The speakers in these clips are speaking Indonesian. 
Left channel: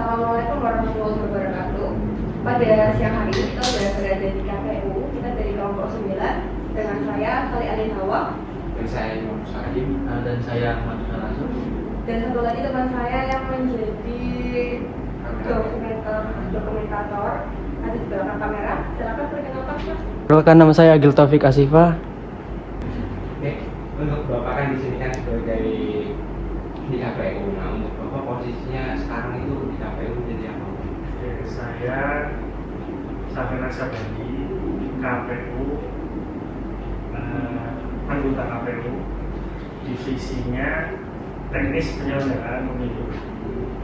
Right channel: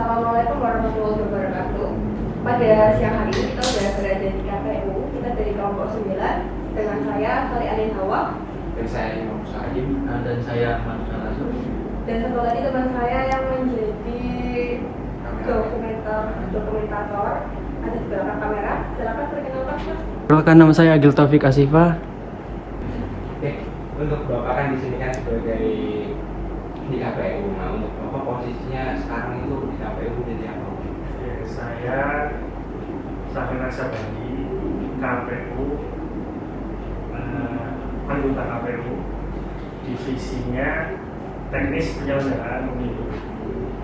Assalamualaikum warahmatullahi wabarakatuh. Pada siang hari ini kita sudah berada di KPU. Kita dari kelompok 9 dengan saya Sali Alin Hawa dan saya Imam Salim dan saya Ahmad Al-Azhar. dan satu lagi teman saya yang menjadi dokumentator. Ada di belakang kamera. Silakan perkenalkan Mas. Perkenalkan, nama saya Agil Taufik Asifa. Untuk Bapak kan di sini kan sebagai dari di KPU. Nah, untuk Bapak posisinya sekarang itu di KPU menjadi apa? Ya, saya merasa bagi KPU, anggota KPU, divisinya teknis penyelenggaraan pemilu.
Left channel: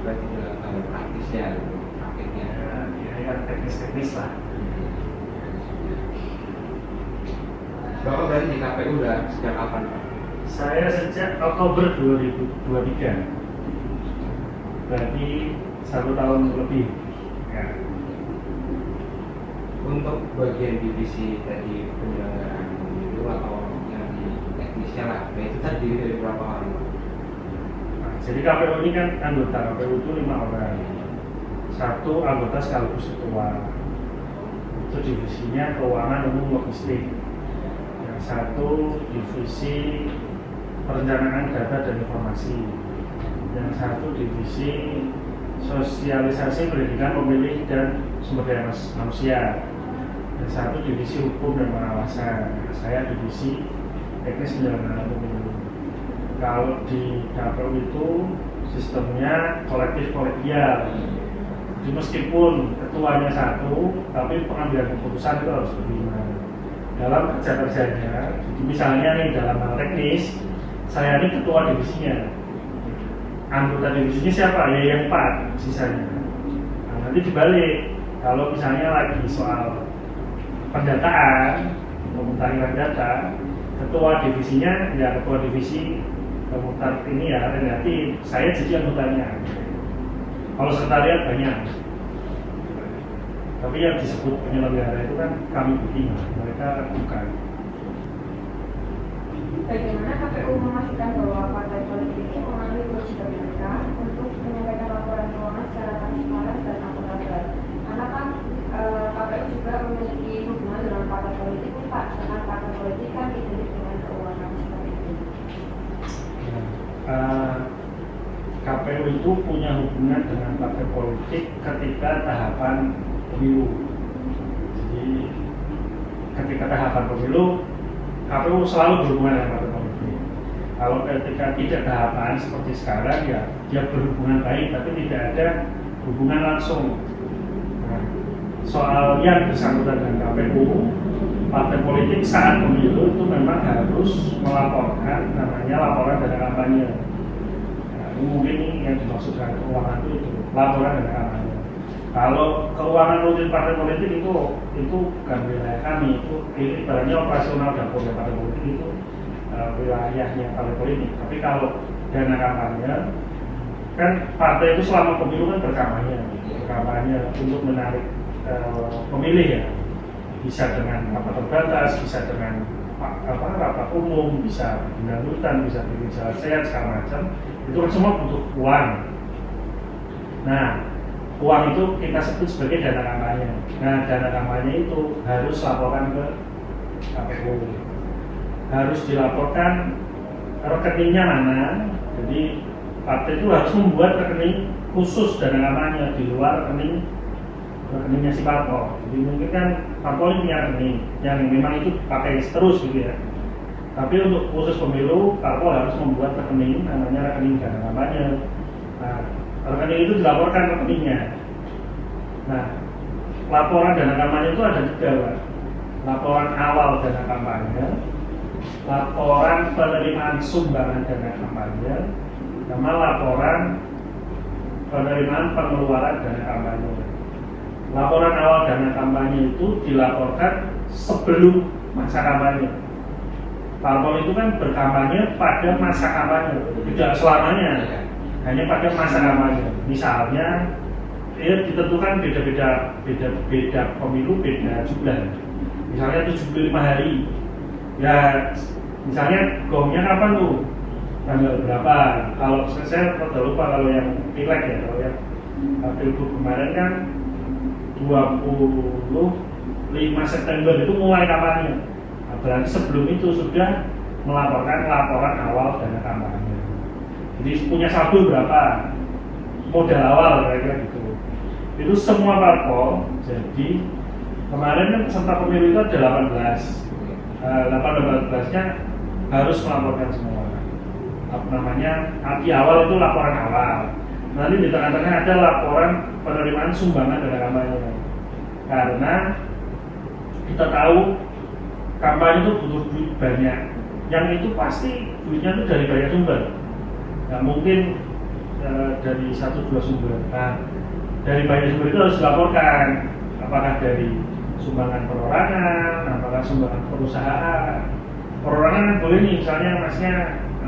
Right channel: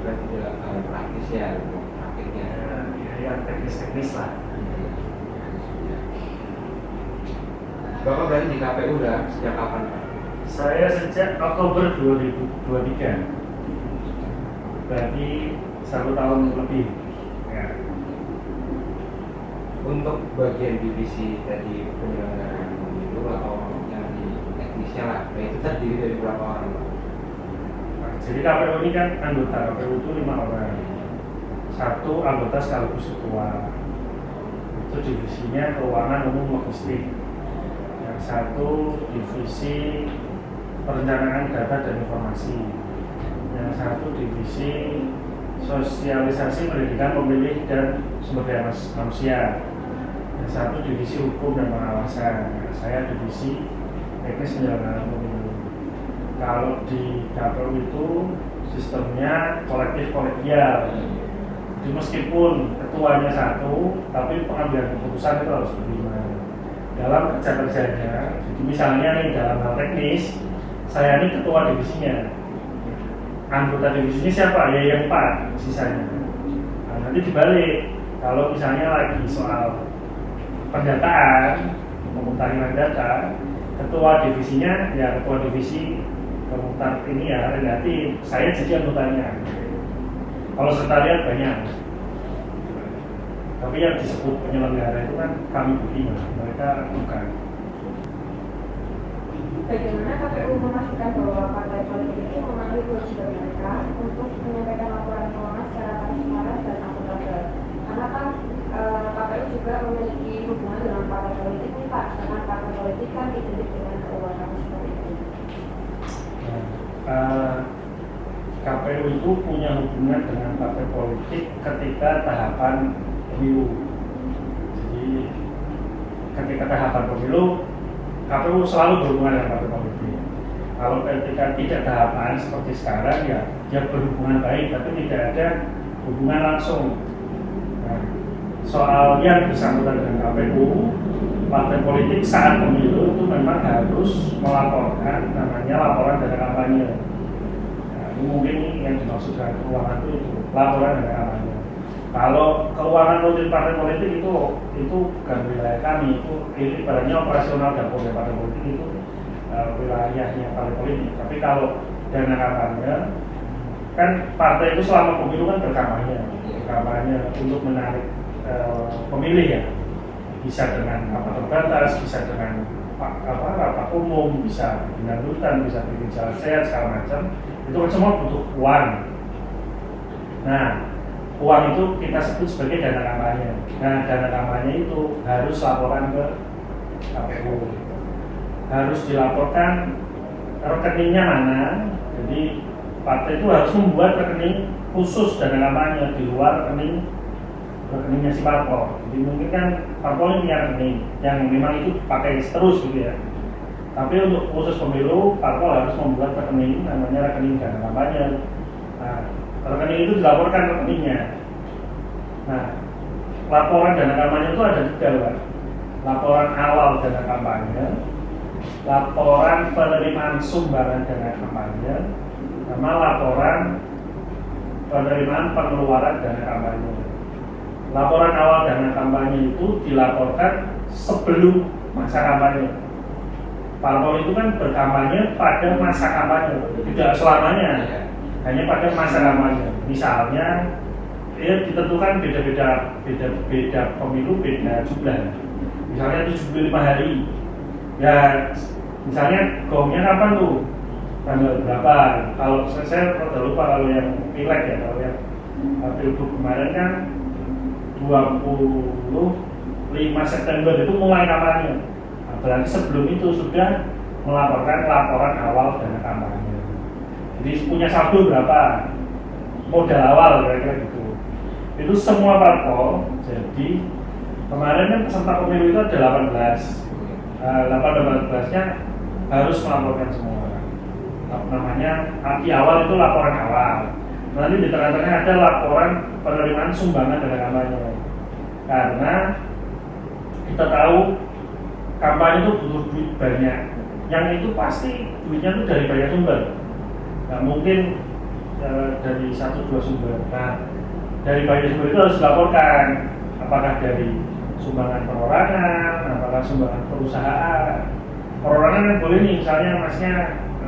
Berarti dalam hal praktis ya, akhirnya. Yang teknis lah. Bapak berarti di KPU udah sejak kapan, Pak? Saya sejak Oktober 2023, berarti 1 tahun lebih. Ya. Untuk bagian divisi dari penyelenggaraan pemilu atau yang di teknisnya lah, nah itu terdiri dari berapa orang, Pak? Jadi KPU ini kan anggota KPU itu 5 orang. 1 anggota sekaligus ketua. Itu divisinya keuangan umum logistik. Yang 1 divisi perencanaan data dan informasi. Yang 1 divisi sosialisasi pendidikan pemilih dan sumber daya manusia. Yang 1 divisi hukum dan pengawasan. Saya divisi teknis penyelenggaraan pemilu. Kalau di KPU itu sistemnya kolektif kolegial. Jadi meskipun ketuanya 1, tapi pengambilan keputusan itu harus berlima. Dalam kerja-kerjanya, jadi misalnya nih dalam hal teknis, saya ini ketua divisinya. Anggota divisinya siapa? Ya yang 4 sisanya. Nah, nanti dibalik, kalau misalnya lagi soal pendataan, pemutahiran data, ketua divisinya ya ketua divisi pemutar ini ya relatif, saya jadi anggotanya. Kalau sekalian banyak, tapi yang disebut penyelenggara itu kan kami begini, mereka bukan. Bagaimana KPU memastikan bahwa partai politik ini memenuhi kewajiban mereka untuk menyampaikan laporan keuangan secara transparan dan akurat? Karena kan KPU juga memiliki hubungan dengan partai politik 4, karena partai politik kan identik dengan keuangan seperti itu. KPU itu punya hubungan dengan partai politik ketika tahapan pemilu. Jadi ketika tahapan pemilu, KPU selalu berhubungan dengan partai politik. Kalau ketika tidak tahapan seperti sekarang ya dia berhubungan baik, tapi tidak ada hubungan langsung. Nah, soal yang bersangkutan dengan KPU, partai politik saat pemilu itu memang harus melaporkan namanya laporan dari kampanye. Mungkin yang dimaksud dengan keuangan itu laporan dari kampanye. Kalau keuangan politik partai politik itu bukan wilayah kami, itu ibaratnya operasional dapur partai politik itu wilayahnya partai politik. Tapi kalau dana kampanye kan partai itu selama pemilu kan berkampanye untuk menarik pemilih ya, bisa dengan rapat terbatas, bisa dengan rapat umum, bisa dengan hutan, bisa sehat segala macam. Itu kan semua butuh uang. Nah, uang itu kita sebut sebagai dana kampanye. Nah, dana kampanye itu harus laporan ke KPU. Harus dilaporkan rekeningnya mana. Jadi partai itu harus membuat rekening khusus dana kampanye di luar rekeningnya si parpol. Jadi mungkin kan parpol ini punya rekening yang memang itu pakai terus gitu ya. Tapi untuk khusus pemilu, parpol harus membuat rekening namanya rekening dana kampanye. Nah, rekening itu dilaporkan rekeningnya. Nah, laporan dana kampanye itu ada 3 kan. Laporan awal dana kampanye, laporan penerimaan sumbangan dana kampanye, sama laporan penerimaan pengeluaran dana kampanye. Laporan awal dana kampanye itu dilaporkan sebelum masa kampanye. Parpol itu kan berkampanye pada masa kampanye, tidak selamanya, hanya pada masa kampanye. Misalnya, dia ditentukan beda pemilu, beda jumlah. Misalnya 75 hari, ya misalnya gongnya kapan tuh? Tanggal berapa? Kalau saya lupa kalau yang pileg ya, kalau yang kemarin kan 25 September itu mulai kampanye. Berarti sebelum itu sudah melaporkan laporan awal dana kampanye. Jadi punya saldo berapa, modal awal kira-kira gitu. Itu semua parpol. Jadi kemarin kan peserta pemilu itu ada 18-nya harus melaporkan semua. Namanya pagi awal itu laporan awal. Nanti di tengah-tengah ada laporan penerimaan sumbangan dana kampanye. Karena kita tahu kampanye itu butuh duit banyak. Yang itu pasti duitnya itu dari banyak sumber. Nah, mungkin dari 1-2 sumber. Nah, dari banyak sumber itu harus dilaporkan. Apakah dari sumbangan perorangan, apakah sumbangan perusahaan. Perorangan kan boleh nih, misalnya masnya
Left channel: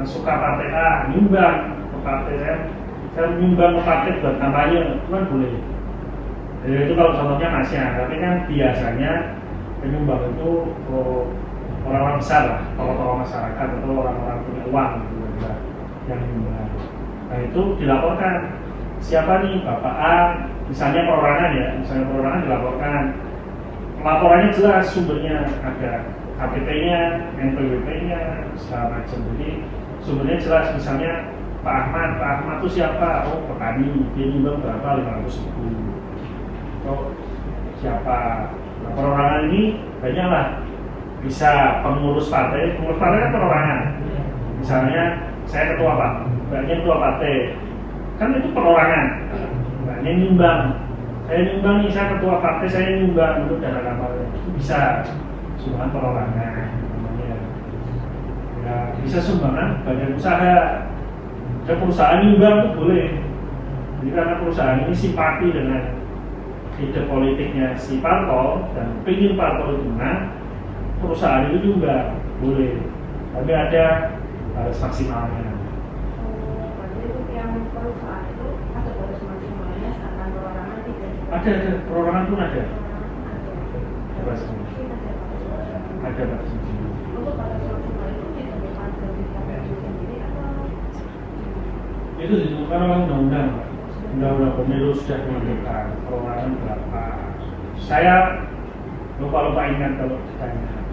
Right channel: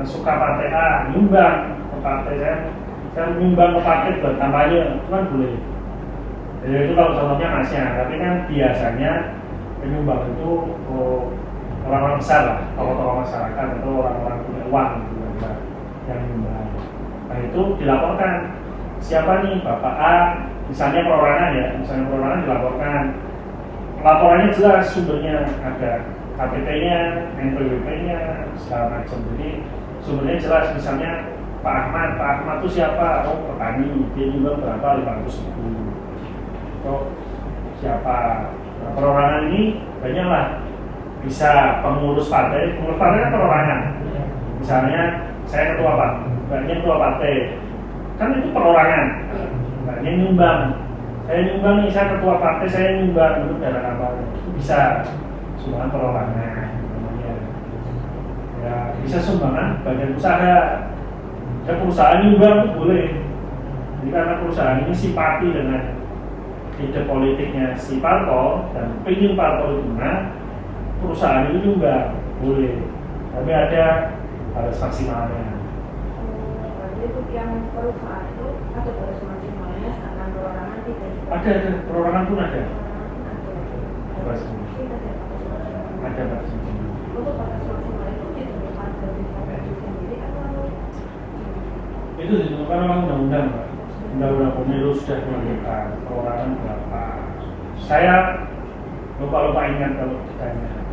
suka partai A, nyumbang ke partai saya nyumbang ke partai buat kampanye, itu kan boleh. Jadi itu kalau contohnya masnya, tapi kan biasanya penyumbang itu orang-orang besar lah, tokoh-tokoh masyarakat atau orang-orang punya uang gitu, yang dinyumbang. Nah itu dilaporkan, siapa nih Bapak A, misalnya perorangan ya, misalnya perorangan dilaporkan. Laporannya jelas sumbernya, ada KTP-nya, NPWP-nya, segala macam. Jadi sumbernya jelas, misalnya Pak Ahmad itu siapa? Oh, petani, dia juga berapa? 500.000. Oh, siapa? Nah, perorangan ini banyaklah, bisa pengurus partai kan perorangan. Misalnya saya ketua partai, kan itu perorangan. Nah, ini nyumbang. Saya nyumbang nih, saya ketua partai, saya nyumbang dulu dana kampanye. Itu bisa sumbangan perorangan. Ya, bisa sumbangan bagian usaha. Dan perusahaan nyumbang itu boleh. Jadi karena perusahaan ini simpati dengan ide politiknya si parpol dan ingin parpol itu menang, perusahaan ini nyumbang boleh. Tapi ada batas maksimalnya. Untuk yang perusahaan itu atau batas maksimalnya sama perorangan tidak? Ada perorangan pun ada. Ada. Untuk batas maksimal itu ditentukan dari KPU sendiri atau? Itu ditentukan oleh undang-undang, Pak. Undang-undang pemilu sudah menentukan perorangan berapa. Saya lupa ingat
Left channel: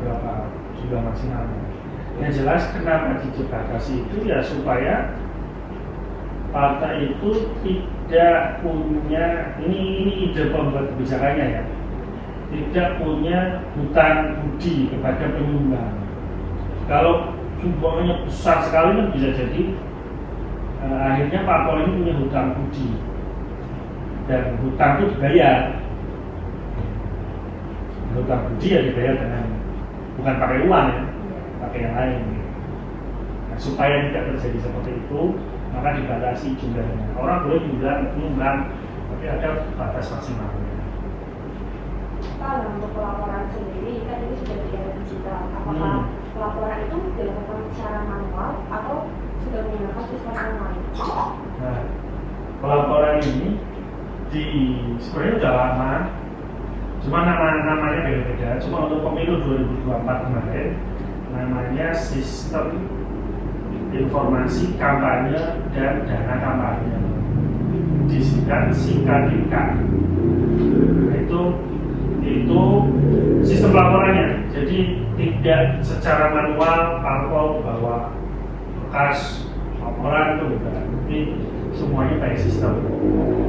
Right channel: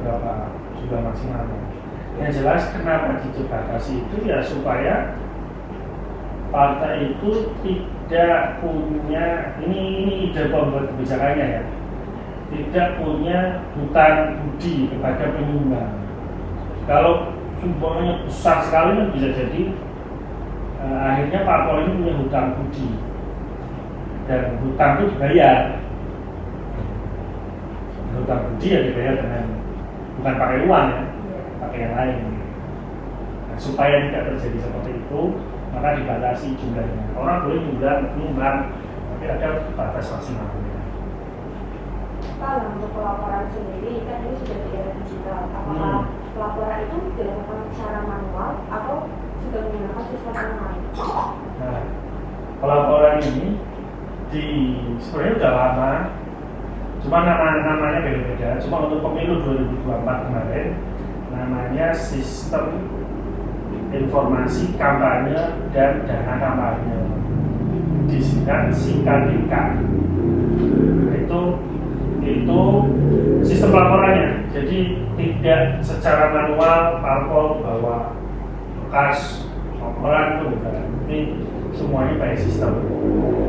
berapa sudah maksimal. Yang jelas kenapa dibatasi itu ya supaya partai itu tidak punya, ini ide pembuat kebijakannya ya, tidak punya hutang budi kepada penyumbang. Kalau sumbangannya besar sekali kan bisa jadi akhirnya parpol ini punya hutang budi dan hutang itu dibayar. Hutang budi ya dibayar dengan bukan pakai uang ya, pakai yang lain. Nah, supaya tidak terjadi seperti itu, maka dibatasi jumlahnya. Orang boleh menyumbang, tapi ada batas maksimal. Kalau untuk pelaporan sendiri kan ini sudah tidak digital. Apakah pelaporan itu dilakukan secara manual atau sudah menggunakan sistem online? Nah, pelaporan ini sebenarnya sudah lama, cuma namanya beda-beda. Cuma untuk pemilu 2024 kemarin, namanya sistem informasi kampanye dan dana kampanye, disingkat SINKADINKA. Itu sistem laporannya. Jadi tidak secara manual parpol bawa kas laporan itu, ini semuanya pakai sistem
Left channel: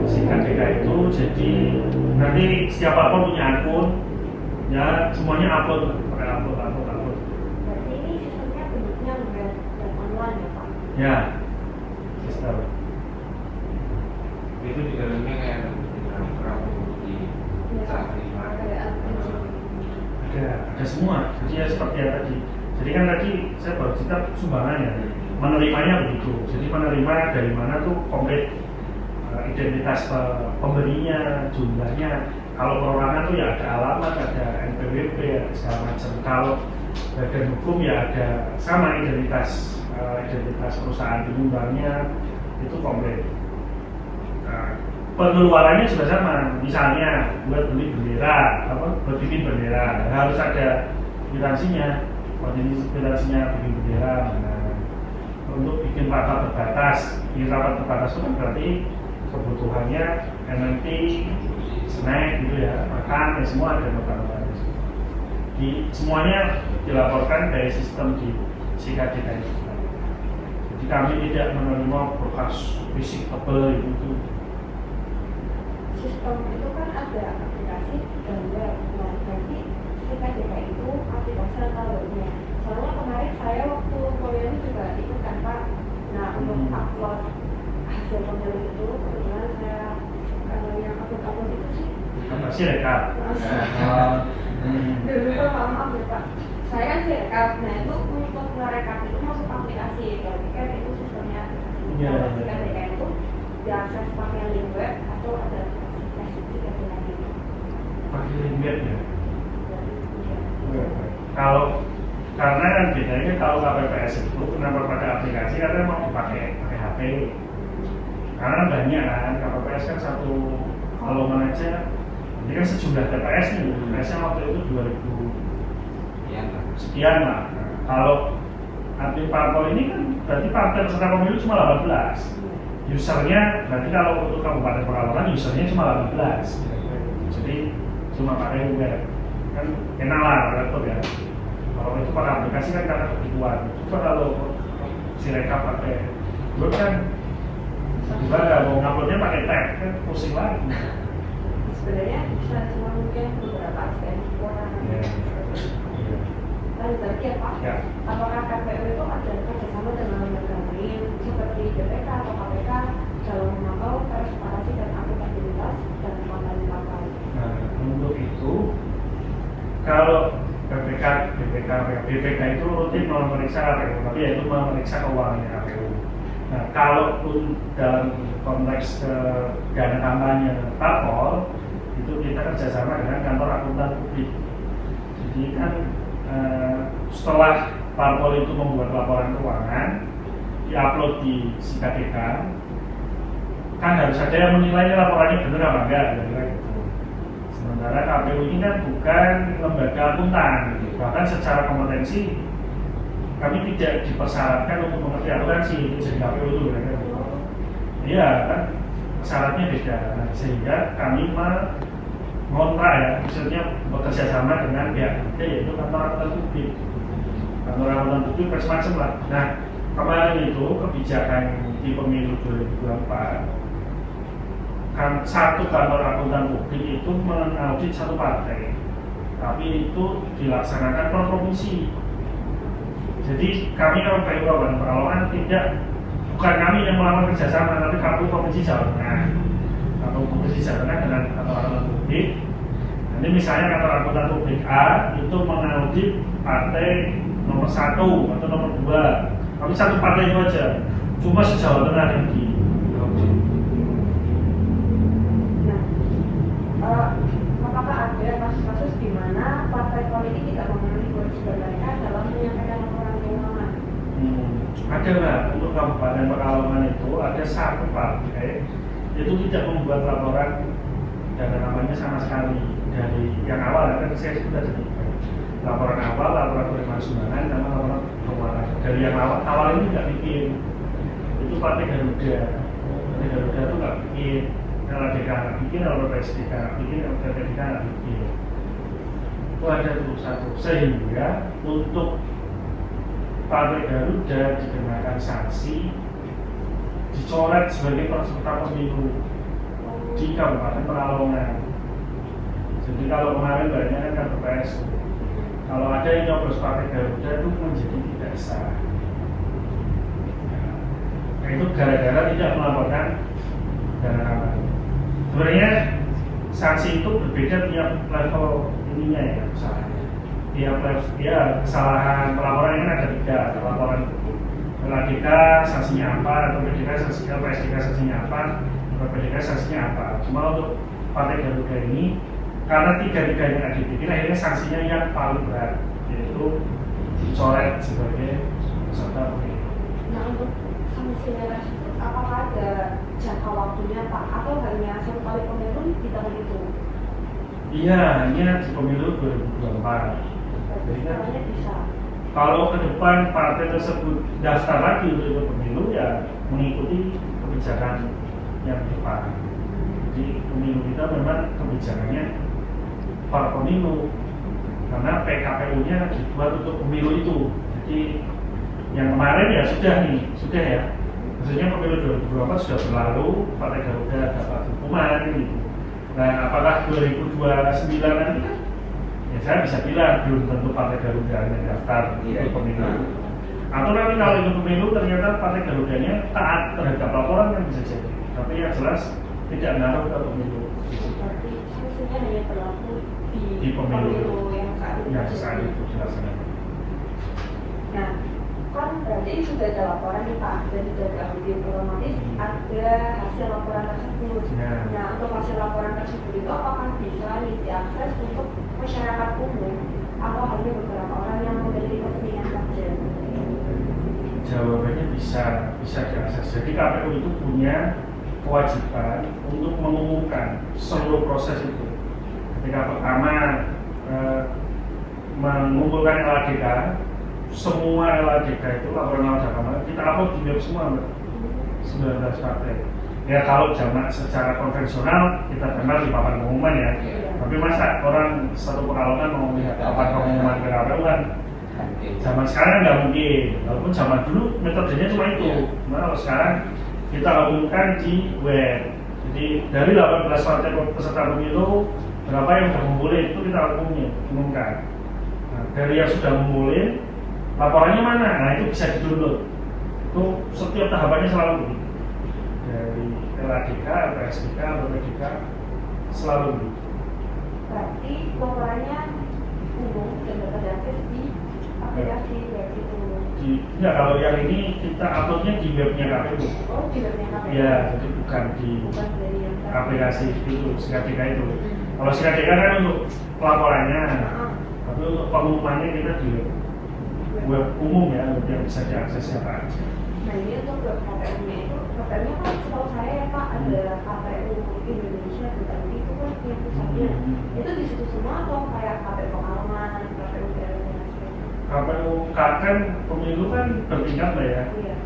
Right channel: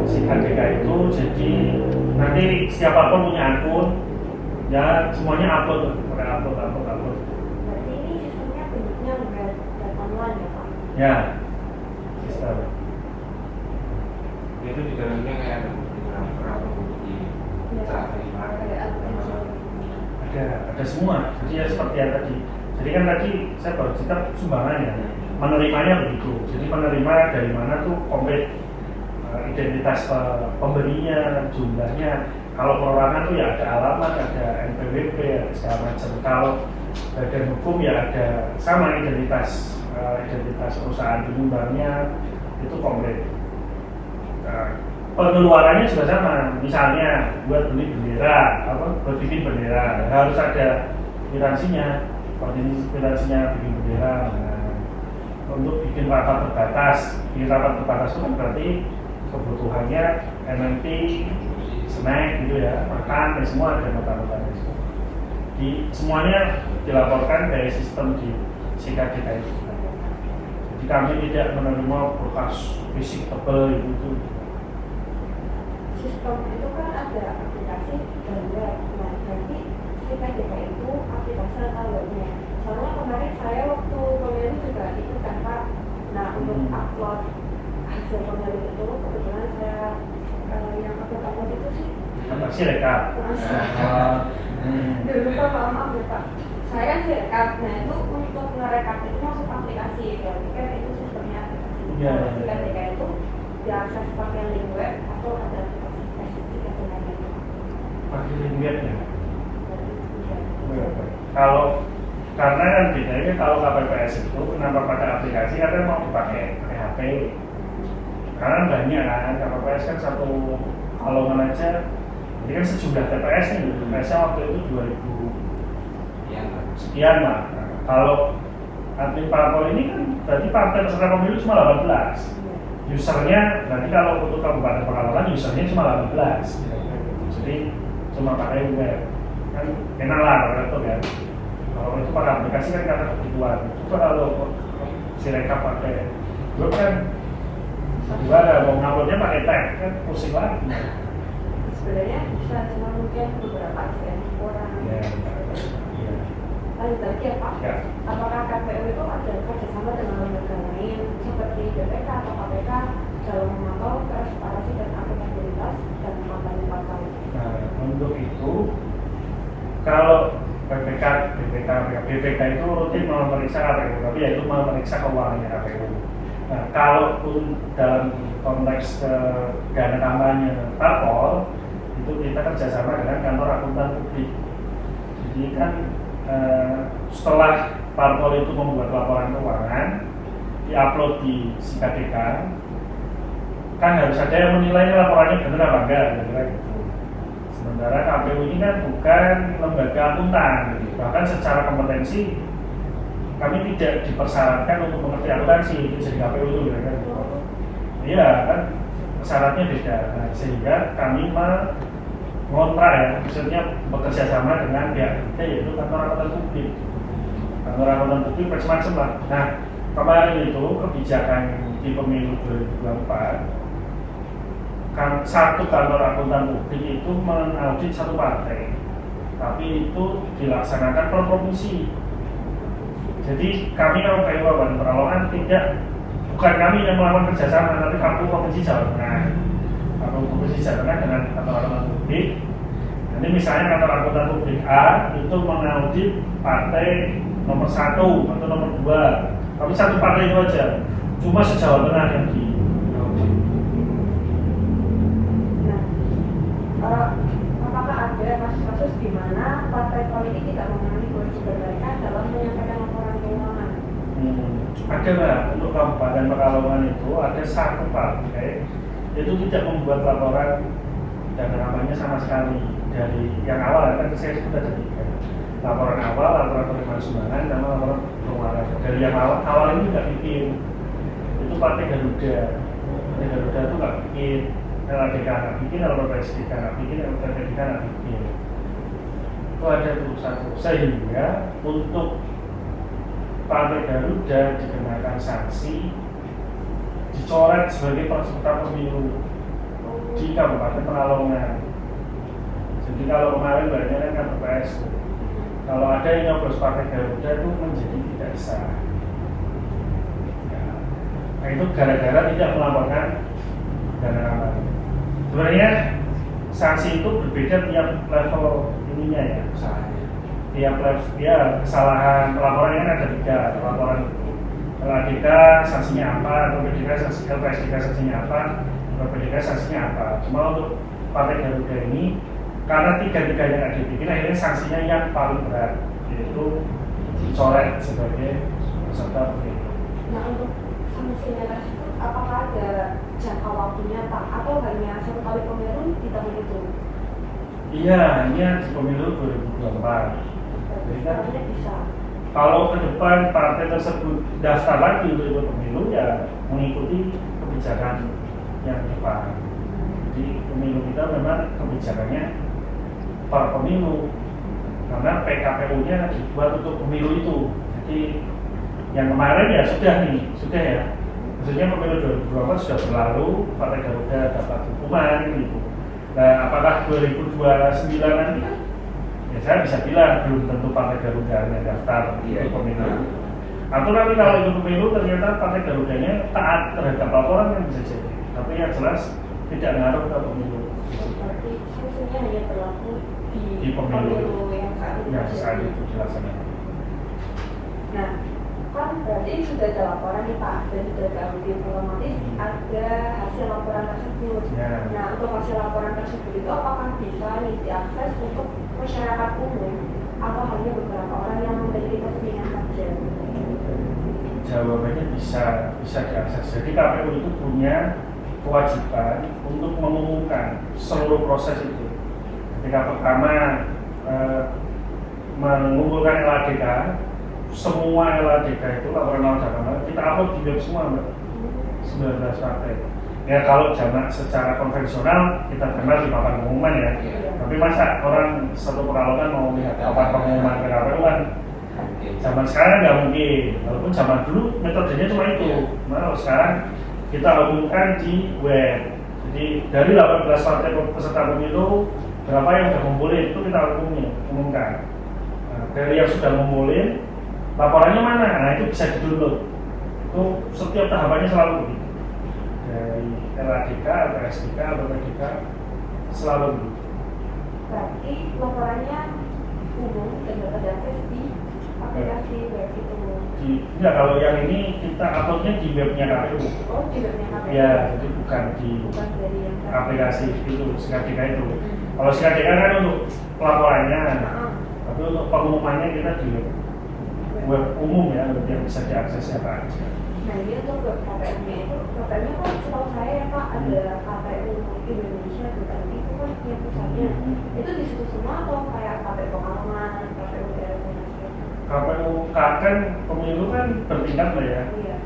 SINKADINKA itu. Jadi nanti siapapun punya akun, ya semuanya upload. Berarti ini sistemnya bentuknya web online ya Pak? Ya, sistem. Itu di dalamnya kayak ada bukti ada semua. Jadi ya seperti yang tadi. Jadi kan tadi saya baru cerita sumbangan ya, menerimanya begitu. Jadi penerima dari mana tuh komplit, identitas pemberinya, jumlahnya. Kalau perorangan tuh ya ada alamat, ada NPWP, ada segala macam. Kalau ada hukum ya ada sama identitas perusahaan penyumbangnya itu komplit. Pengeluarannya juga sama, misalnya buat beli bendera, buat bikin bendera harus ada kwitansinya, kwitansinya bikin bendera. Untuk bikin rapat terbatas itu berarti kebutuhannya MNT, snack gitu ya, makan, ya semua ada notabene. Semuanya dilaporkan dari sistem di SIKA kita itu. Jadi kami tidak menerima bekas fisik tebal itu. Sistem itu kan ada aplikasi dan web. Nah, berarti SIKA kita itu aplikasi atau webnya. Soalnya kemarin saya waktu pemilu juga ikut kan Pak. Nah, untuk upload hasil pemilu itu kebetulan saya yang upload itu sih Masih reka. dulu Pak, maaf ya Pak. Saya kan direkap. Nah, itu untuk merekap itu masuk aplikasi. Berarti kan itu sistemnya aplikasi. Iya. SIKA kita itu diakses pakai link web atau ada aplikasi atau kayak gitu. Kalau karena kan bedanya kalau KPPS itu kenapa pakai aplikasi karena mau dipakai HP. Karena banyak kan KPPS kan satu kalau aja ini kan sejumlah TPS nih, TPS waktu itu 2000 sekian lah. Nah, kalau nanti parpol ini kan berarti partai peserta pemilu cuma 18. Usernya nanti kalau untuk kabupaten Pekalongan usernya cuma 18. Jadi cuma pakai web kan enak lah gitu kan. Kalau itu pada aplikasi kan karena kebutuhan. Itu kalau sirekap pakai web kan gimana mau uploadnya pakai tag kan pusing banget. Sebenarnya bisa cuma mungkin beberapa aspek orang. Lalu tadi ya Pak, apakah KPU itu ada kerjasama dengan lembaga lain seperti BPK atau KPK dalam memantau transparansi dan akuntabilitas dan kampanye partai? Nah, untuk itu kalau BPK itu rutin memeriksa KPU, tapi ya itu memeriksa keuangan KPU. Nah, kalaupun dalam konteks dana kampanye dan parpol itu kita kerjasama dengan kantor akuntan publik. Jadi kan setelah parpol itu membuat laporan keuangan, diupload di SIKA kita, kan harus ada yang menilainya laporannya benar apa enggak, gitu. Sementara KPU ini kan bukan lembaga akuntan, gitu. Bahkan secara kompetensi kami tidak dipersyaratkan untuk mengerti akuntansi itu jadi KPU dulu, gitu. Iya kan syaratnya beda, sehingga kami mengontrak ya, maksudnya bekerja sama dengan pihak ketiga yaitu kantor akuntan publik. Kantor akuntan publik macam-macam. Nah, kemarin itu kebijakan di pemilu 2024 satu kantor akuntan publik itu mengaudit satu partai, tapi itu dilaksanakan per provinsi. Jadi kami orang Kabupaten Pekalongan bukan kami yang melakukan kerjasama, tapi kami provinsi Jawa Tengah atau provinsi Jawa Tengah dengan kantor akuntan publik. Ini misalnya kantor akuntan publik A itu mengaudit partai nomor 1 atau nomor 2, tapi satu partai itu aja, cuma se-Jawa Tengah yang diaudit. Apakah ada kasus-kasus di mana partai politik tidak memenuhi kewajiban mereka dalam menyampaikan laporan keuangan? Ada nggak untuk Kabupaten Pekalongan itu ada satu partai itu tidak membuat laporan dan namanya sama sekali dari yang awal kan saya sudah sebutkan laporan awal, laporan penerimaan sumbangan, sama laporan keuangan. Dari yang awal ini nggak bikin, itu partai Garuda. Partai Garuda itu nggak bikin, LDK nggak bikin, laporan PSDK nggak bikin, laporan PDK nggak bikin. Itu ada tulisan sehingga untuk Partai Garuda dikenakan sanksi dicoret sebagai peserta pemilu di Kabupaten Pekalongan. Jadi kalau kemarin bagaimana kan PPS, kalau ada yang nyoblos Partai Garuda itu menjadi tidak sah. Nah itu gara-gara tidak melaporkan dana kampanye. Sebenarnya sanksi itu berbeda tiap level ininya ya, misalnya. Tiap level ya kesalahan laporannya ada 3 laporan. LDK sanksinya apa, LPDK sanksinya apa, LPDK sanksinya apa. Cuma untuk Partai Garuda ini karena 3-3 yang ada dibikin akhirnya sanksinya yang paling berat yaitu dicoret sebagai peserta pemilu. Nah untuk sanksinya apakah ada jangka waktunya Pak atau hanya satu kali pemilu tidak menghitung? Iya, hanya di pemilu 2024. Sebenarnya bisa. Kalau ke depan partai tersebut daftar lagi untuk pemilu ya mengikuti kebijakan yang tepat. Jadi pemilu kita memang kebijakannya per pemilu, karena PKPU-nya dibuat untuk pemilu itu. Jadi yang kemarin ya sudah ya. Maksudnya pemilu 2024 sudah berlalu, Partai Garuda dapat hukuman gitu. Nah, apakah 2029 nanti? Ya, saya bisa bilang belum tentu Partai Garuda yang daftar untuk pemilu. Atau nanti kalau itu pemilu ternyata Partai Garudanya taat terhadap laporan yang bisa jadi. Tapi yang jelas tidak ngaruh ke pemilu. Berarti sanksinya hanya berlaku Di pemilu yang saat itu dilaksanakan. Nah, kan berarti sudah ada laporan nih Pak, dan sudah ada audit, otomatis ada hasil laporan tersebut. Ya. Nah, untuk hasil laporan tersebut itu apakah bisa diakses untuk masyarakat umum atau hanya beberapa orang yang menjadi kepentingan saja? Jawabannya bisa diakses. Jadi KPU itu punya kewajiban untuk mengumumkan seluruh proses itu. Ketika pertama mengumpulkan LADK, semua LADK itu laporan masyarakat kita upload di web semua, 19 partai. Ya kalau zaman secara konvensional kita kenal di papan pengumuman ya. Tapi masa orang satu Pekalongan mau lihat papan pengumuman ke KPU kan? Zaman sekarang nggak mungkin. Walaupun zaman dulu metodenya cuma itu. Nah kalau sekarang kita umumkan di web. Jadi dari 18 partai peserta pemilu, berapa yang sudah ngumpulin itu kita umumkan. Nah, dari yang sudah ngumpulin, laporannya mana? Nah itu bisa di-download. Itu setiap tahapannya selalu dari LADK, LPSDK, atau PDK selalu. Berarti laporannya umum dan dapat diakses di aplikasi web itu. Nah kalau yang ini kita uploadnya di webnya KPU. Oh, di webnya KPU. Ya, jadi bukan di Bukan dari yang aplikasi itu, SKDK itu. Kalau SKDK kan untuk pelaporannya, tapi untuk pengumumannya kita di web umum ya, biar bisa diakses siapa aja. Nah ini untuk web KPU-nya itu, KPU kan setahu saya ya Pak, ada KPU untuk Indonesia, tetapi itu kan punya pusatnya. Itu di situ semua atau kayak KPU Pekalongan, KPU daerah Indonesia? KPU kan pemilu kan bertingkat lah ya. Iya.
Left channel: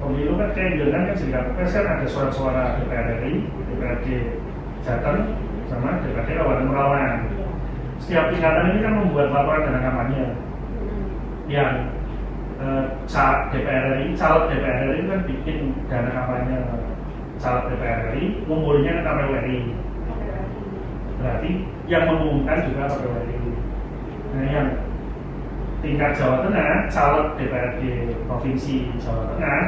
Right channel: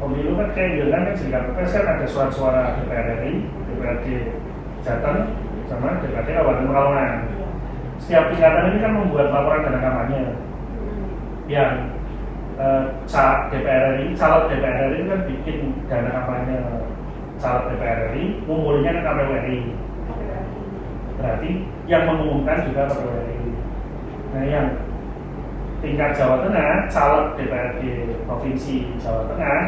Pemilu kan kayak jalan kan jadi KPU kan ada suara-suara DPR RI, DPRD Jateng, sama DPRD Kabupaten Pekalongan. Setiap tingkatan ini kan membuat laporan dana kampanye yang caleg DPR RI kan bikin dana kampanye caleg DPR RI, ngumpulinnya ke KPU RI. Berarti yang mengumumkan juga KPU RI. Nah yang tingkat Jawa Tengah, caleg DPRD Provinsi Jawa Tengah,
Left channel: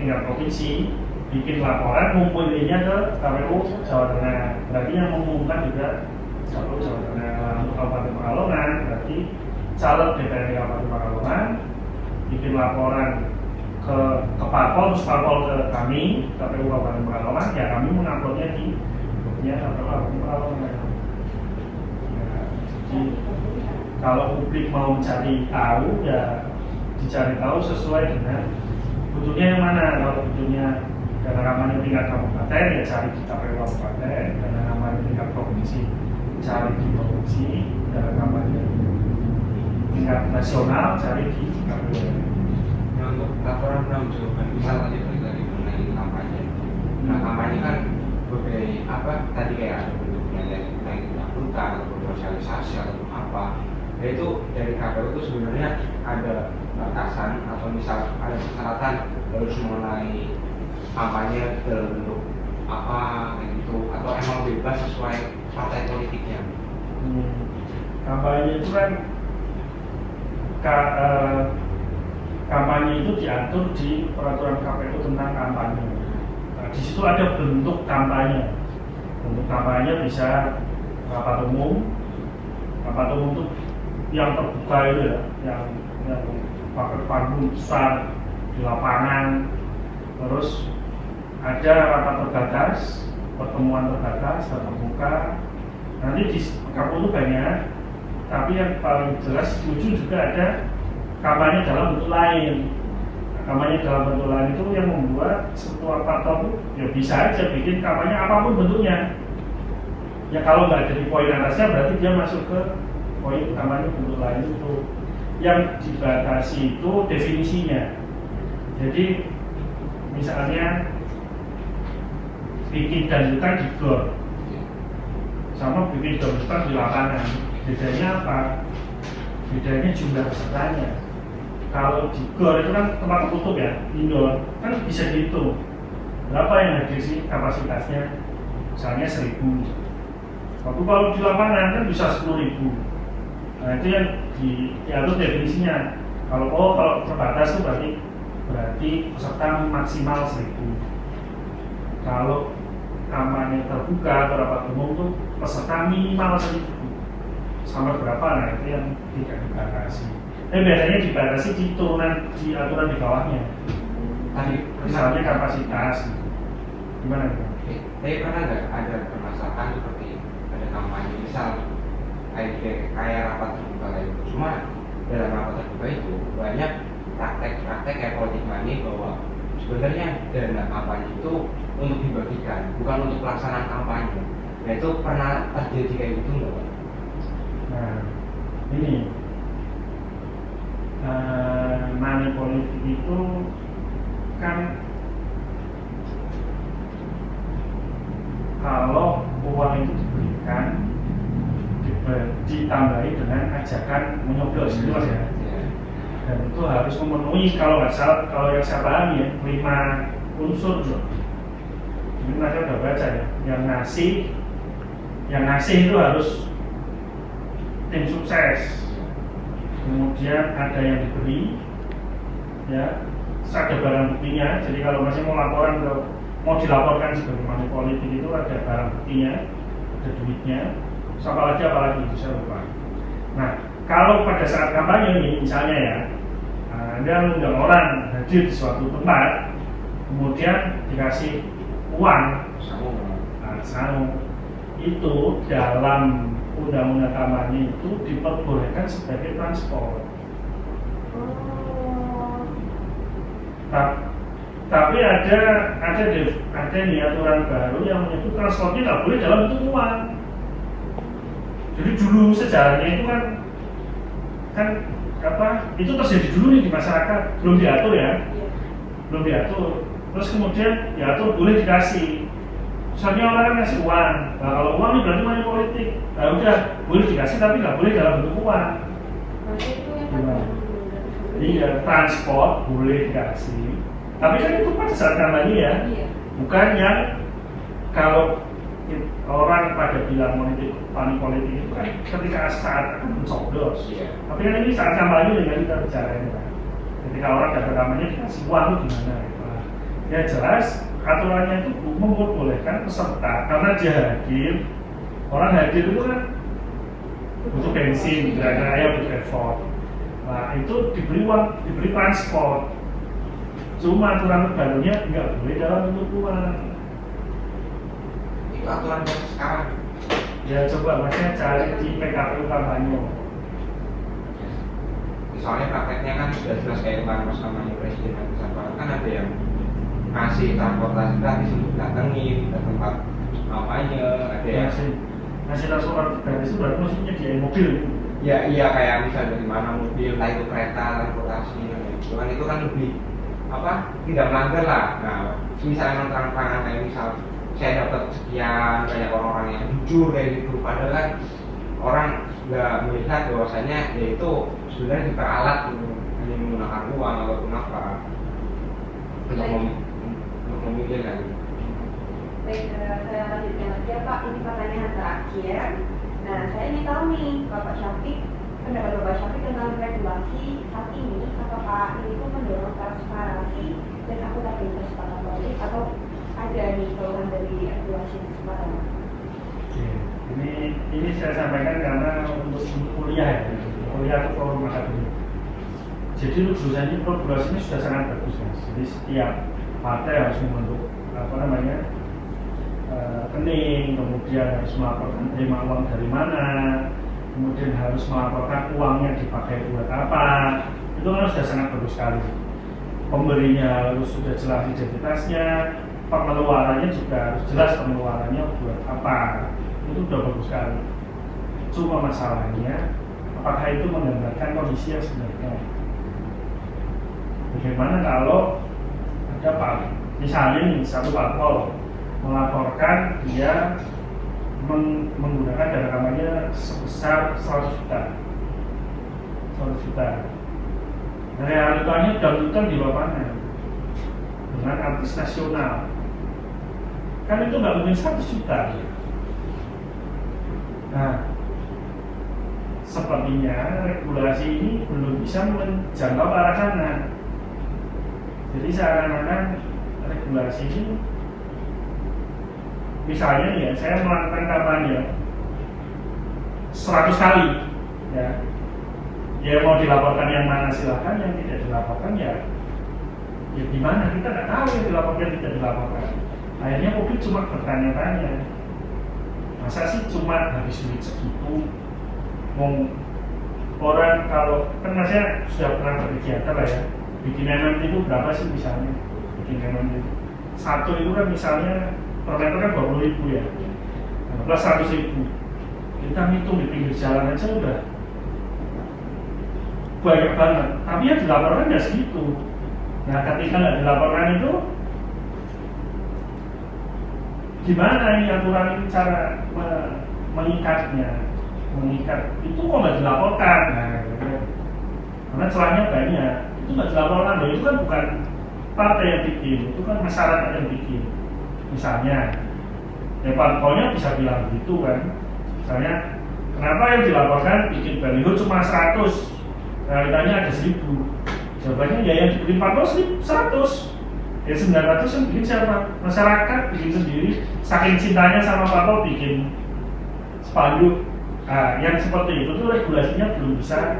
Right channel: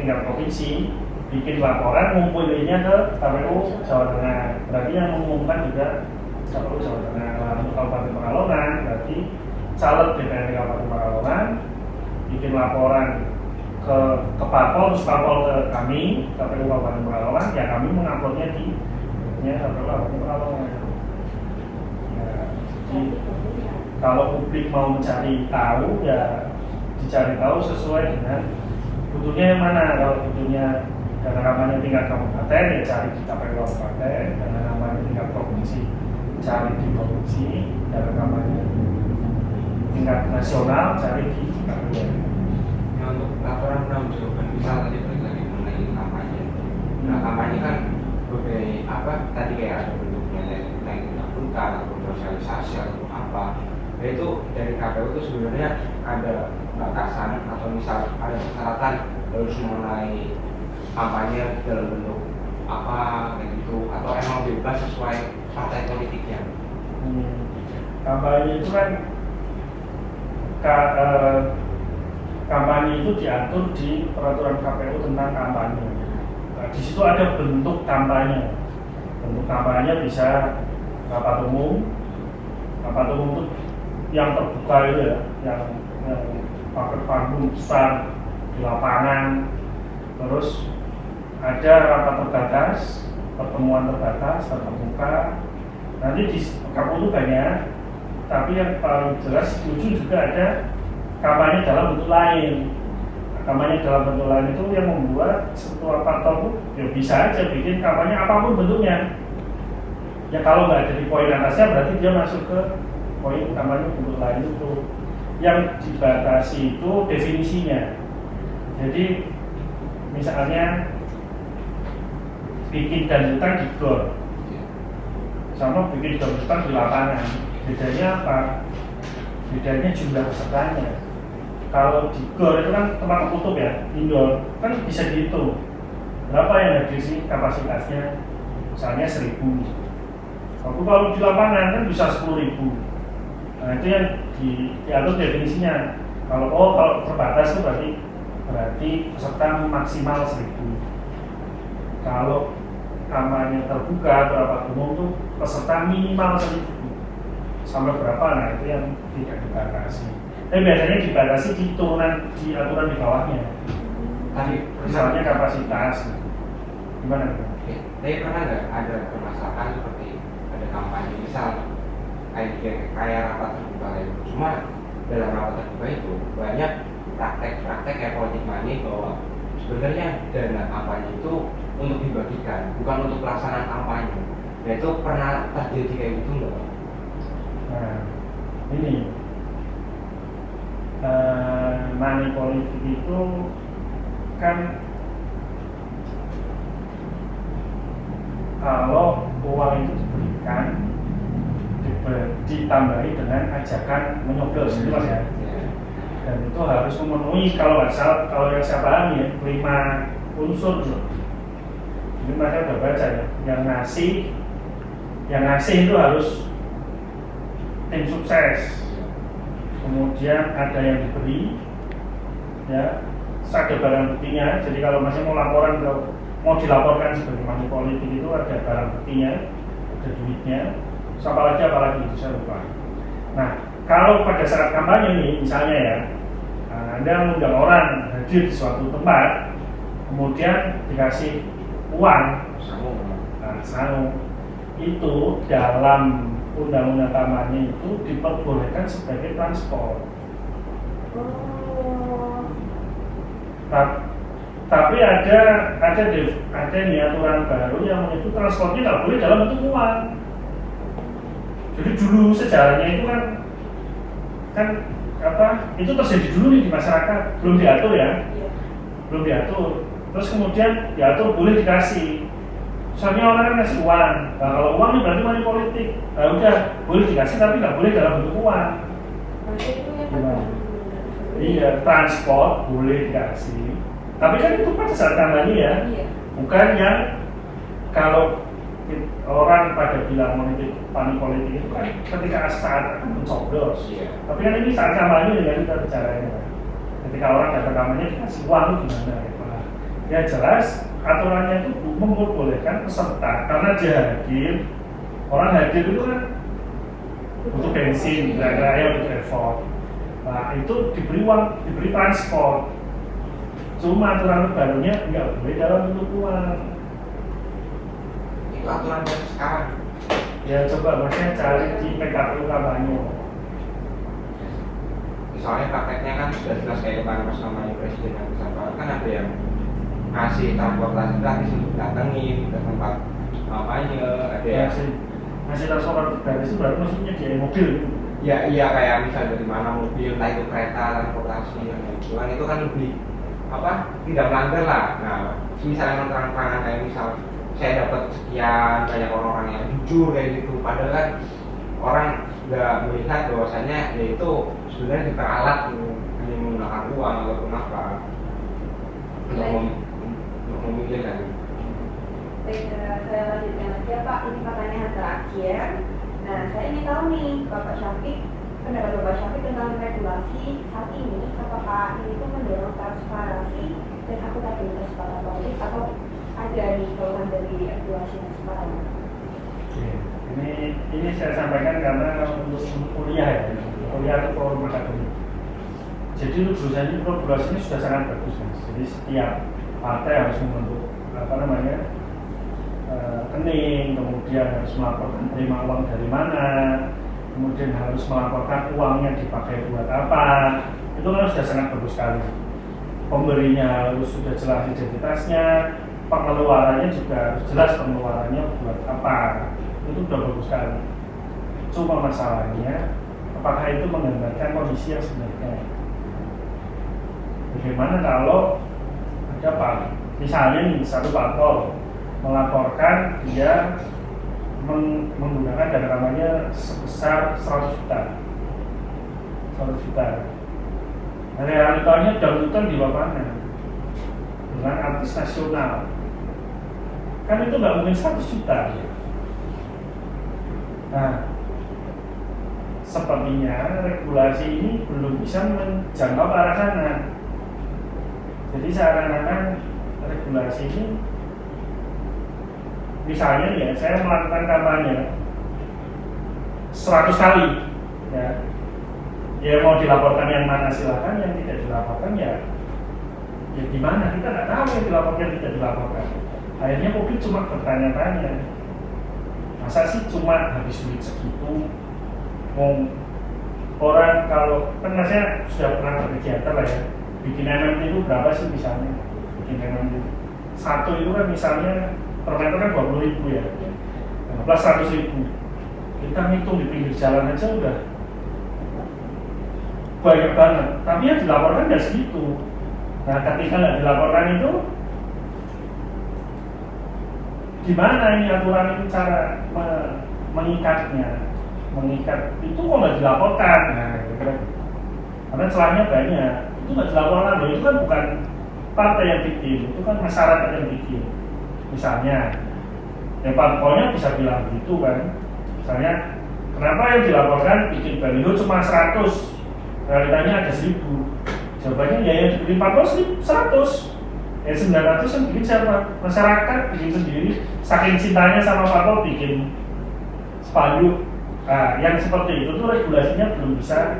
tingkat provinsi, bikin laporan ngumpulinnya ke KPU Jawa Tengah. Berarti yang mengumumkan juga KPU Jawa Tengah. Lalu Kabupaten Pekalongan, berarti caleg DPRD Kabupaten Pekalongan bikin laporan ke Parpol, terus Parpol ke kami, KPU Kabupaten Pekalongan, ya kami menguploadnya di KPU Kabupaten Pekalongan. Jadi kalau publik mau mencari tahu ya dicari tahu sesuai dengan butuhnya yang mana. Kalau butuhnya dana kampanye tingkat kabupaten ya cari di KPU kabupaten, dana kampanye tingkat provinsi cari di provinsi, dana kampanye tingkat nasional cari di KPU. Untuk laporan penanggung jawaban misal tadi balik lagi mengenai kampanye. Nah kampanye kan berbagai apa tadi kayak ada bentuknya naik akuntan atau sosialisasi atau apa. Nah itu dari KPU itu sebenarnya ada batasan atau misal ada persyaratan harus mengenai kampanye dalam bentuk apa kayak gitu atau emang bebas sesuai partai politiknya. Kampanye itu kan kampanye itu diatur di peraturan KPU tentang kampanye. Di situ ada bentuk kampanye. Bentuk kampanye bisa rapat umum itu yang terbuka itu ya, yang pakai panggung besar di lapangan. Terus ada rapat terbatas, pertemuan terbatas, terbuka. Nanti di KPU itu banyak, tapi yang paling jelas setuju juga ada kampanye dalam bentuk lain. Kampanye dalam bentuk lain itu yang membuat sebuah partai ya bisa aja bikin kampanye apapun bentuknya. Ya kalau nggak ada di poin atasnya berarti dia masuk ke poin kampanye bentuk lain itu. Yang dibatasi itu definisinya. Jadi misalnya bikin dangdutan di gor sama bikin dangdutan di lapangan. Bedanya apa? Bedanya jumlah pesertanya. Kalau di gor itu kan tempat tertutup ya, indoor, kan bisa dihitung berapa yang ada di sini kapasitasnya, misalnya 1.000. Tapi kalau di lapangan kan bisa 10.000. Nah itu yang diatur definisinya. Kalau terbatas itu berarti peserta maksimal 1.000. Kalau kampanye terbuka berapa umum itu peserta minimal 1.000. Sampai berapa? Nah itu yang tidak dibatasi. Tapi biasanya dibatasi di aturan di bawahnya. Misalnya kapasitas. Gimana? Tapi pernah nggak ada permasalahan seperti ada kampanye misal kayak rapat terbuka itu, cuma dalam rapat terbuka itu banyak praktek kayak politik money bahwa sebenarnya dana kampanye itu untuk dibagikan, bukan untuk pelaksanaan kampanye. Nah itu pernah terjadi kayak gitu nggak? Nah ini money politik itu kan kalau uang itu diberikan ditambahi dengan ajakan menyoblos itu mas ya, dan itu harus memenuhi kalau nggak salah, kalau yang saya pahami ya 5 unsur. Ini mereka udah baca ya, yang ngasih itu harus tim sukses, kemudian ada yang diberi ya, ada barang buktinya. Jadi kalau masih mau dilaporkan sebagai money politik itu ada barang buktinya, ada duitnya, apalagi itu saya lupa. Nah kalau pada saat kampanye ini misalnya ya, Anda mengundang orang hadir di suatu tempat, kemudian dikasih uang, itu dalam undang-undang kampanye itu diperbolehkan sebagai transport. Tapi ada nih aturan baru yang menyebut transport tidak boleh dalam bentuk uang. Jadi dulu sejarahnya itu kan itu terjadi dulu nih di masyarakat, belum diatur ya, belum diatur. Terus kemudian diatur boleh dikasih. Sampai orang kasih uang. Nah, kalau uang itu berarti money politik. Nah udah boleh dikasih tapi tidak boleh dalam bentuk uang. Iya, transport boleh dikasih. Tapi kan itu pada saat kampanye ya, bukan yang kalau orang pada bilang money politik itu kan ketika saat mencoblos. Tapi kan ini saat kampanye ya kita bicara ya. Ketika orang datang kampanye dikasih uang itu gimana? Ya jelas aturannya itu membolehkan peserta karena dia hadir. Orang hadir itu kan butuh bensin, kira-kira ya butuh effort. Nah itu diberi uang, diberi transport. Cuma aturan barunya enggak boleh dalam bentuk uang. Itu aturan yang sekarang. Ya coba maksudnya cari di PKPU kampanye. Misalnya prakteknya kan sudah jelas kayak kemarin bersama Presiden kan ada yang kasih transportasi gratis untuk datangin ke tempat kampanye, ada yang masih transportasi gratis berarti maksudnya di mobil. Ya iya kayak misalnya dari mana mobil, entah itu kereta, transportasi, cuman itu kan lebih tidak melanggar lah. Nah misalnya terang-terangan kayak misal saya dapat sekian kayak orang-orang yang jujur dari itu, padahal kan orang nggak melihat bahwasanya ya itu sebenarnya diperalat hanya menggunakan uang ataupun apa untuk memikirkan. Baik, saya lanjutkan lagi ya Pak, ini pertanyaan terakhir. Nah, saya ingin tahu nih, Bapak Syafiq, pendapat Bapak Syafiq tentang regulasi saat ini, apakah ini itu mendorong transparansi dan akuntabilitas para pemilik atau ada nih keluhan dari regulasi yang sekarang? Ini saya sampaikan karena untuk kuliah ya, kuliah atau akademik. Jadi jurusan ini regulasi ini sudah sangat bagus mas. Jadi setiap partai harus membentuk rekening, kemudian harus melaporkan menerima uang dari mana, kemudian harus melaporkan uangnya dipakai buat apa. Itu kan sudah sangat bagus sekali. Pemberinya harus sudah jelas identitasnya, pengeluarannya juga harus jelas pengeluarannya buat apa. Itu sudah bagus sekali. Cuma masalahnya, apakah itu menggambarkan kondisi yang sebenarnya? Bagaimana kalau ada misalnya nih satu parpol melaporkan dia menggunakan dana kampanye sebesar 100 juta. 100 juta. Realitanya dangdutan di lapangan dengan artis nasional. Kan itu nggak mungkin 100 juta. Nah, sepertinya regulasi ini belum bisa menjangkau ke arah sana. Jadi seakan-akan regulasi ini, misalnya nih ya, saya melakukan kampanye 100 kali, ya. Ya mau dilaporkan yang mana silakan, yang tidak dilaporkan ya gimana, kita nggak tahu yang dilaporkan tidak dilaporkan. Akhirnya publik cuma bertanya-tanya, masa sih cuma habis duit segitu? Orang kalau kan masnya sudah pernah berkegiatan lah ya, bikin MMT itu berapa sih misalnya? Bikin MMT satu itu kan misalnya per meter kan 20.000 ya, plus 100.000. Kita hitung di pinggir jalan aja udah banyak banget, tapi yang dilaporkan nggak segitu. Nah, ketika nggak dilaporkan itu, gimana nih aturan ini cara mengikatnya? Mengikat itu kok nggak dilaporkan? Nah, karena celahnya banyak. Itu nggak dilaporkan, loh. Itu kan bukan partai yang bikin, itu kan masyarakat yang bikin. Misalnya, ya pokoknya bisa bilang begitu kan. Misalnya, kenapa yang dilaporkan bikin baliho cuma 100? Realitanya ada 1000. Jawabannya ya yang dibikin Pak Bos 100. Yang 900 yang bikin siapa? Masyarakat bikin sendiri. Saking cintanya sama Pak Bos bikin spanduk. Nah, yang seperti itu tuh regulasinya belum bisa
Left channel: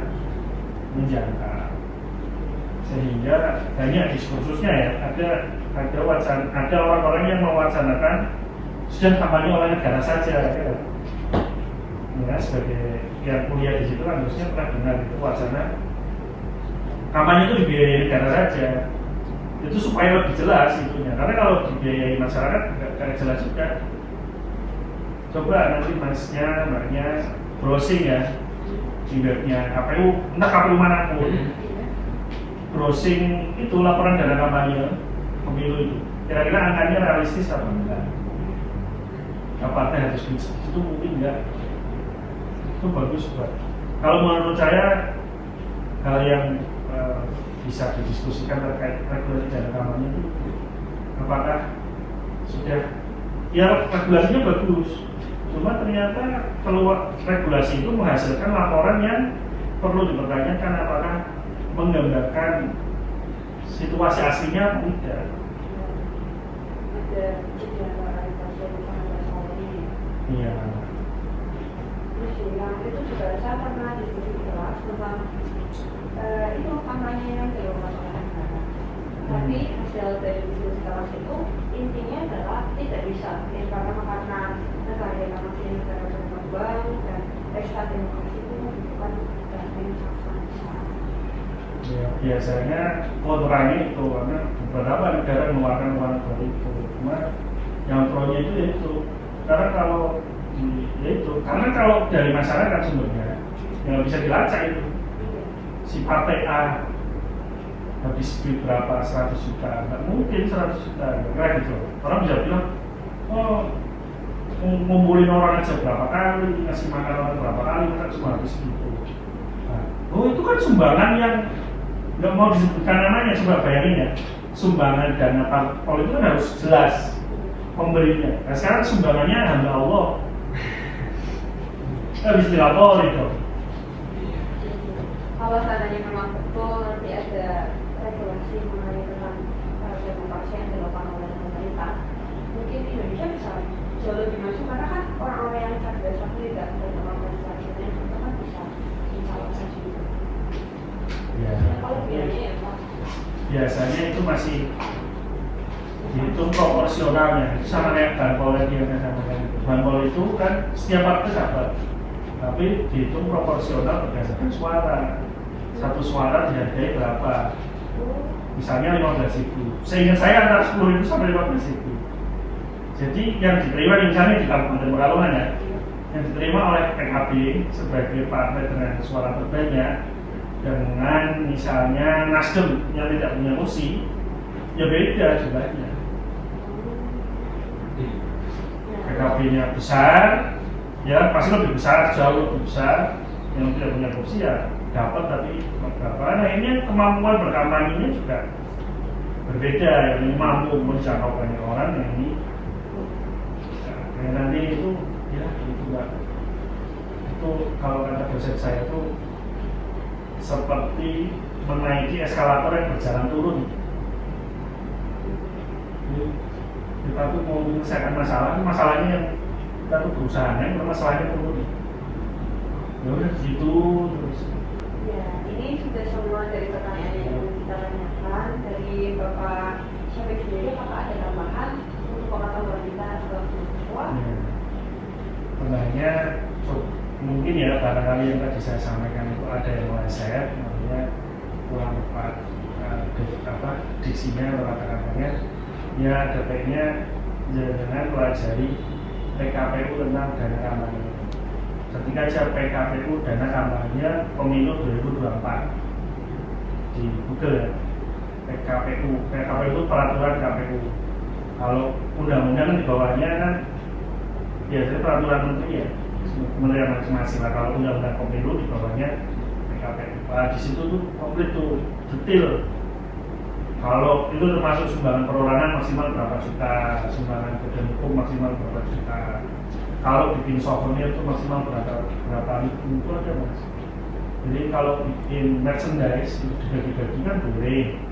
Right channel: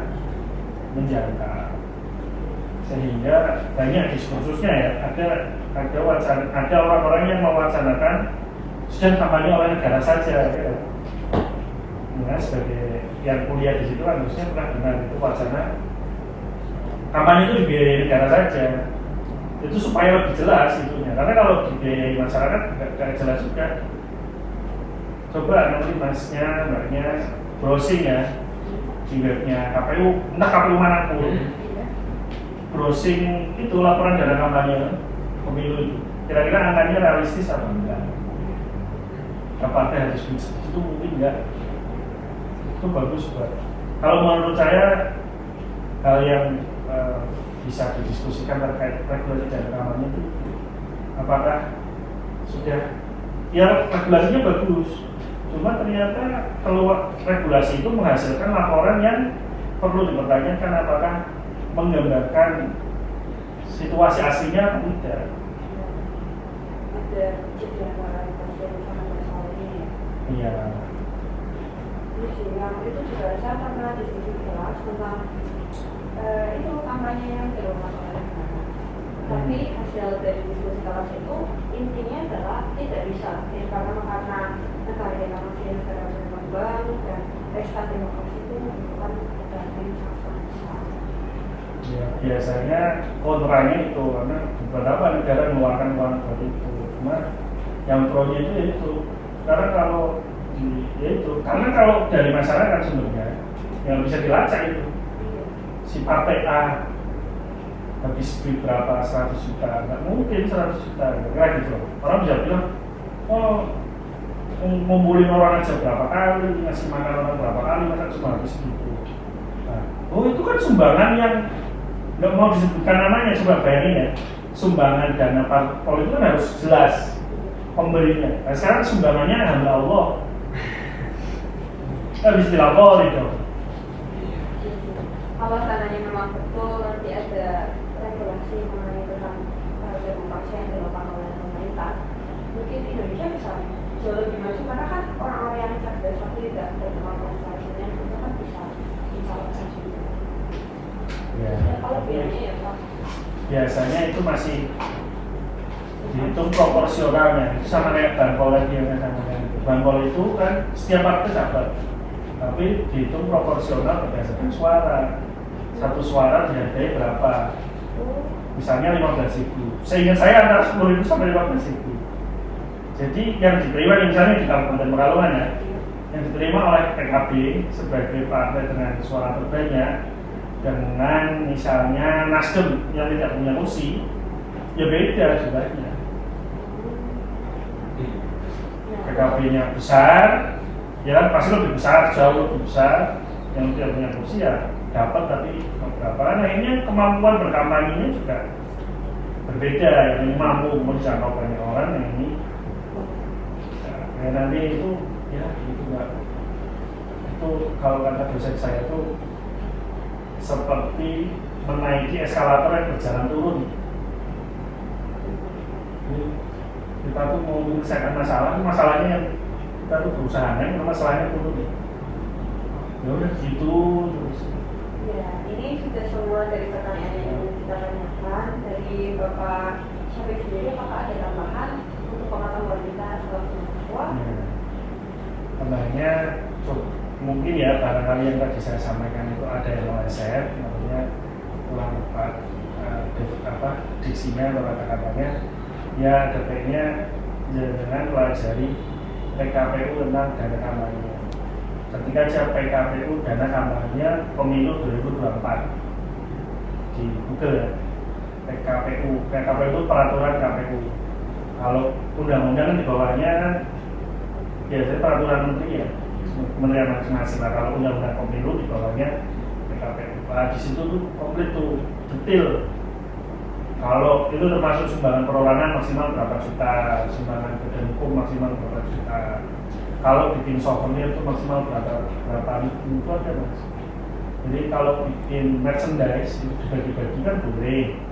menjangkau. Sehingga banyak diskursusnya ya. Ada orang-orang yang mewacanakan sudah kampanye oleh negara saja. Ya. Nah, sebagai yang kuliah di situ harusnya pernah dengar wacana kampanye itu dibiayai negara saja, itu supaya lebih jelas itunya. Karena kalau dibiayai masyarakat tidak jelas juga. Coba nanti mbaknya browsing ya di webnya KPU, entah KPU manapun, browsing itu laporan dana kampanye pemilu, kira-kira angkanya realistis apa enggak? Apakah harus itu mungkin enggak? Itu bagus Pak. Kalau menurut saya hal yang bisa didiskusikan terkait regulasi dana kampanye itu apakah sudah ya regulasinya bagus, cuma ternyata kalau regulasi itu menghasilkan laporan yang perlu dipertanyakan apakah menggambarkan situasi aslinya atau tidak. Ada Iya. yang itu juga saya pernah diskusi kelas tentang itu kampanye yang dilakukan. Tapi hasil dari diskusi kelas itu intinya adalah tidak bisa karena negara yang masih negara berkembang dan pesta demokrasi itu bukan bisa. Ya, biasanya kontranya itu karena beberapa negara mengeluarkan uang seperti itu. Cuma yang pronya itu karena kalau karena kalau dari masyarakat sebenarnya yang bisa dilacak itu si partai A habis beli berapa 100 juta, nggak mungkin 100 juta, enggak gitu. Orang bisa bilang, oh ngumpulin orang aja berapa kali, ngasih makan orang berapa kali, masa cuma habis itu. Oh itu kan sumbangan yang nggak mau disebutkan namanya, coba bayangin ya, sumbangan dana parpol itu kan harus jelas pemberinya. Nah, sekarang sumbangannya hanya Allah. Habis dilapor itu. Kalau seandainya memang betul nanti ada regulasi mengenai dengan pasien pasien yang dilakukan oleh pemerintah, mungkin Indonesia bisa jauh lebih maju karena kan orang-orang yang cerdas tapi tidak berpengalaman selanjutnya itu kan bisa dicalonkan juga. Kalau biayanya ya Pak. Biasanya itu masih dihitung proporsionalnya sama kayak banpol itu. Banpol itu kan setiap partai dapat, tapi dihitung proporsional berdasarkan suara. Satu suara dihargai berapa? Misalnya 15.000. Seingat saya antara 10.000 sampai 15.000. Jadi yang diterima misalnya di Kabupaten Pekalongan ya, yang diterima oleh PKB sebagai partai dengan suara terbanyak dengan misalnya Nasdem yang tidak punya kursi, ya beda jumlahnya. PKB-nya besar, ya pasti lebih besar, jauh lebih besar. Yang tidak punya kursi ya dapat tapi beberapa. Nah ini kemampuan berkampanye juga berbeda. Yang mampu menjangkau banyak orang, yang ini ya, nanti itu ya itu kalau kata dosen saya itu seperti menaiki eskalator yang berjalan turun. Kita tuh mau menyelesaikan masalahnya yang kita tuh berusaha naik, masalahnya turun. Ya udah gitu terus. Ya, ini sudah semua dari pertanyaan yang kita tanyakan dari Bapak Syafiq sendiri. Apakah ada tambahan untuk pengetahuan kita setelah mahasiswa? Sebenarnya mungkin ya barangkali yang tadi saya sampaikan itu ada yang meleset, maksudnya kurang tepat diksinya atau kata-katanya. Ya ada baiknya ya dengan pelajari PKPU tentang dana kampanye. Ketika cek PKPU dana kampanye pemilu 2024 di Google PKPU itu peraturan KPU. Kalau undang-undang di bawahnya biasanya peraturan menteri ya, kementerian masing-masing. Kalau undang-undang pemilu di bawahnya PKPU. Nah di situ tuh komplit tuh detail. Kalau itu termasuk sumbangan perorangan maksimal berapa juta, sumbangan badan hukum maksimal berapa juta. Kalau bikin souvenir itu maksimal berapa ribu itu ada mas. Jadi kalau bikin merchandise itu bagi-bagi kan boleh,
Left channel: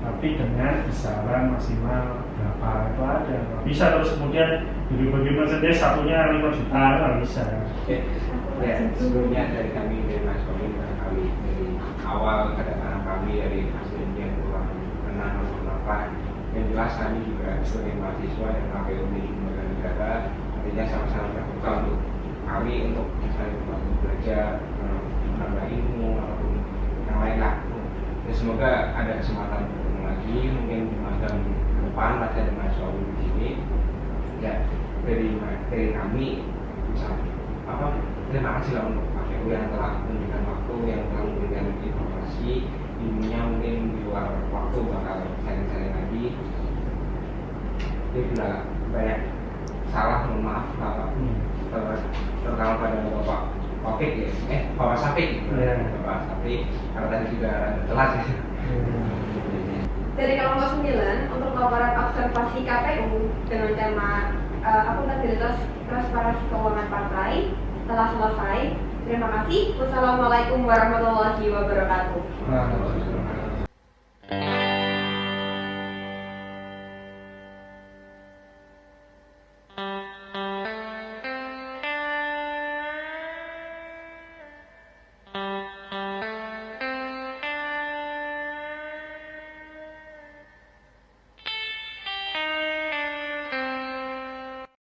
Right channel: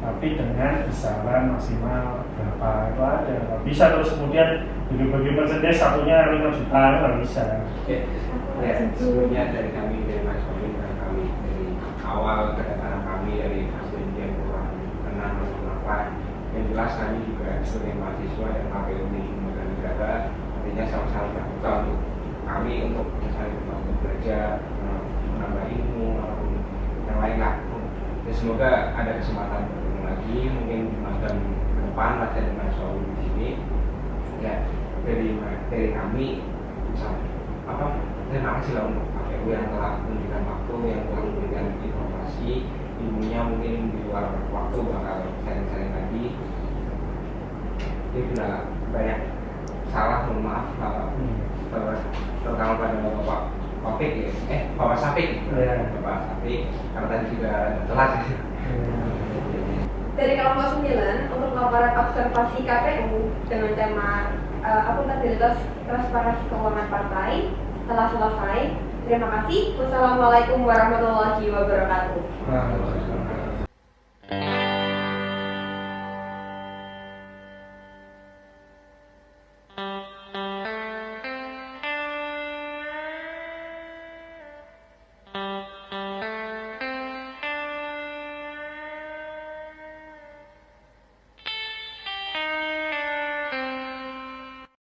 tapi dengan besaran maksimal berapa itu ada. Bisa terus kemudian bagi-bagi merchandise satunya 5 juta nggak bisa. Ya, sebelumnya dari kami dari Mas Wali, kami dari awal kedatangan kami dari Presiden kenal kenapa yang jelas kami juga sebagai mahasiswa yang pakai di negara artinya sama-sama terbuka untuk kami untuk bekerja menambah ilmu maupun yang lain lah. Semoga ada kesempatan bertemu lagi mungkin di depan ada dengan soal di sini ya dari kami apa terima kasih lah untuk Pak Ibu yang telah memberikan waktu, yang telah memberikan informasi ilmunya mungkin di luar waktu kalau saya tadi dia sudah banyak salah, mohon maaf terutama pada Bapak Safik ya, Bapak Safik Bapak Safik karena tadi juga telat sih. Dari kelompok 9 untuk laporan observasi KPU dengan tema akuntabilitas transparansi keuangan partai telah selesai. Terima kasih. Wassalamualaikum warahmatullahi wabarakatuh.